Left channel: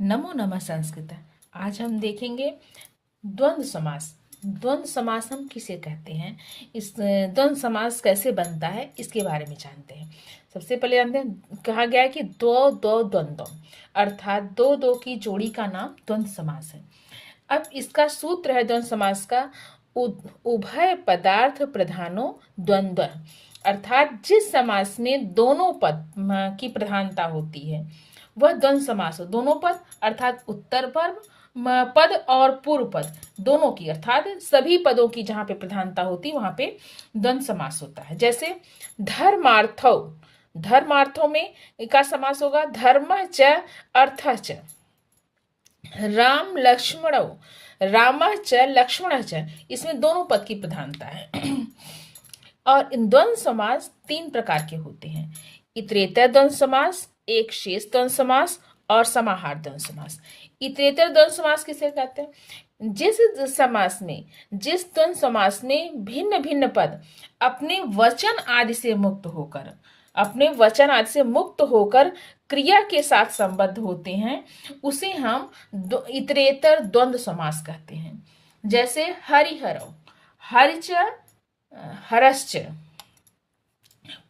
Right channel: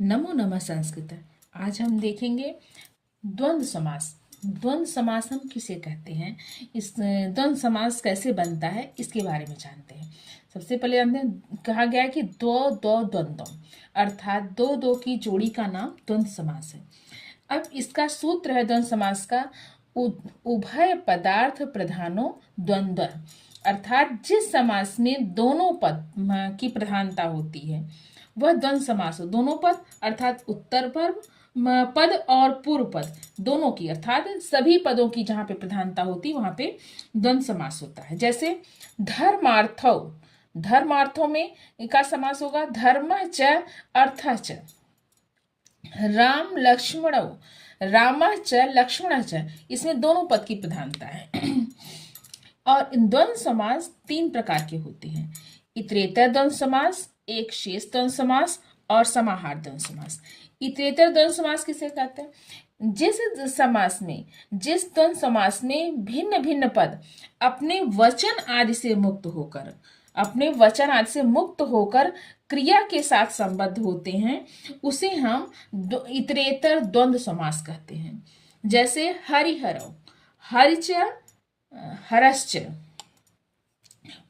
नमो नमः संस्कृत। आज हम देखेंगे द्वंद्व समास। द्वंद्व समास हम किसे कहते हैं, इस द्वंद्व समास कैसे बनता है, इसके बारे में जानते हैं। सबसे पहले हमने कहा गया है कि दो दो द्वंद्व, अर्थात दो दो की जोड़ी का नाम द्वंद्व समास है। अब इसका सूत्र है द्वंद्व समास का, उभय पदार्थ प्रधानो द्वंद्व, अर्थात जिस समास में दोनों पद की प्रधानता होती है वह द्वंद्व समास हो। दोनों पद अर्थात उत्तर पद और पूर्व पद दोनों की, अर्थात सभी पदों की जहां पे प्रधानता होती है वहां पे द्वंद्व समास होता है। जैसे धर्मार्थो, धर्मार्थों में का समास होगा धर्म च अर्थ च। राम लक्ष्मण, राम च लक्ष्मण च, इसमें दोनों पद की प्रधानता है। और इन द्वंद्व समास तीन प्रकार के होते हैं, इतरेतर द्वंद्व समास, एक शेष द्वंद्व समास और समाहार द्वंद्व समास। इतरेतर द्वंद्व समास किसे कहते हैं? जिस समास में, जिस द्वंद्व समास में भिन्न भिन्न पद अपने वचन आदि से मुक्त होकर, अपने वचन आदि से मुक्त होकर क्रिया के साथ संबद्ध होते हैं, उसे हम इतरेतर द्वंद्व समास कहते हैं। जैसे हरिहरौ, हरिच हरश्च,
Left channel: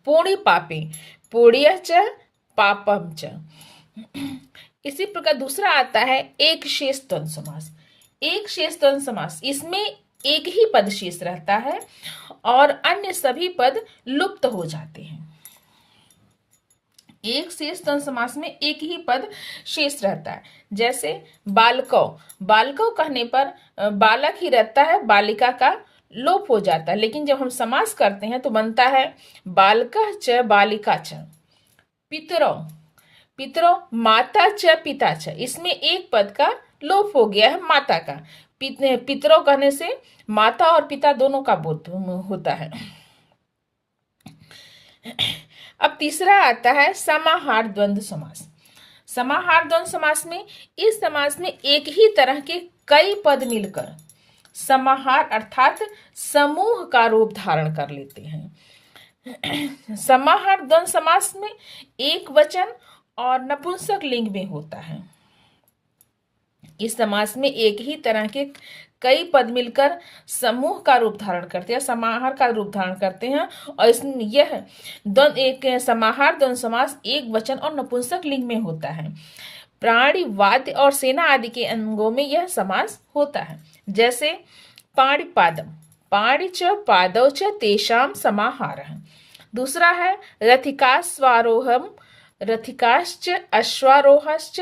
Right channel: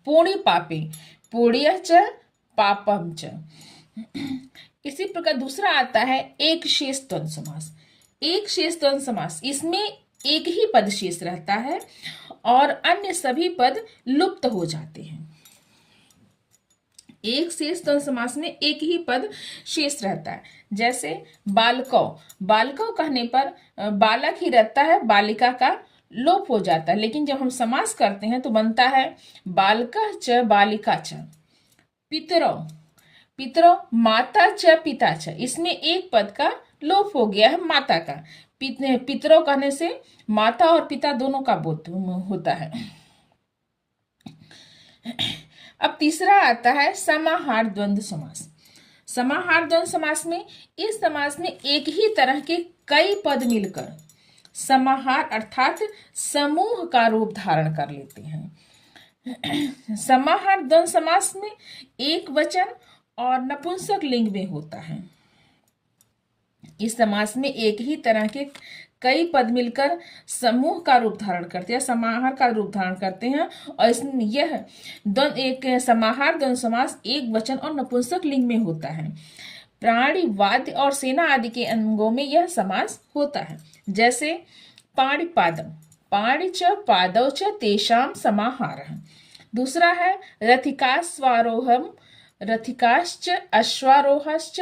पोड़ी पापे, पोड़ियच पापम च। इसी प्रकार दूसरा आता है एक शेष द्वंद्व समास। एक शेष द्वंद्व समास, इसमें एक ही पद शेष रहता है और अन्य सभी पद लुप्त हो जाते हैं। एक शेष द्वंद्व समास में एक ही पद शेष रहता है। जैसे बालको, बालको कहने पर बालक ही रहता है, बालिका का लोप हो जाता है, लेकिन जब हम समास करते हैं तो बनता है बालका च बालिका च। पितरो, पितरो माता च पिता च, इसमें एक पद का लोप हो गया है, माता का। पितरो कहने से माता और पिता दोनों का बोध होता है। अब तीसरा आता है समाहार द्वंद्व समास। समाहार द्वंद्व समास में, इस समास में एक ही तरह के कई पद मिलकर समाहार अर्थात समूह का रूप धारण कर लेते हैं। समाहार द्वंद्व समास में एक वचन और नपुंसक लिंग में होता है। इस समास में एक ही तरह के कई पद मिलकर समूह का रूप धारण करते हैं, समाहार का रूप धारण करते हैं। और यह एक समाहार द्वंद्व समास एक वचन और नपुंसक लिंग में होता है। प्राणी, वाद्य और सेना आदि के अंगों में यह समास होता है। जैसे पाणिपादम, पाणि च पादौ च तेषाम समाहारः। दूसरा है रथिकास्वारोहम, रथिकाश्च अश्वारोहश्च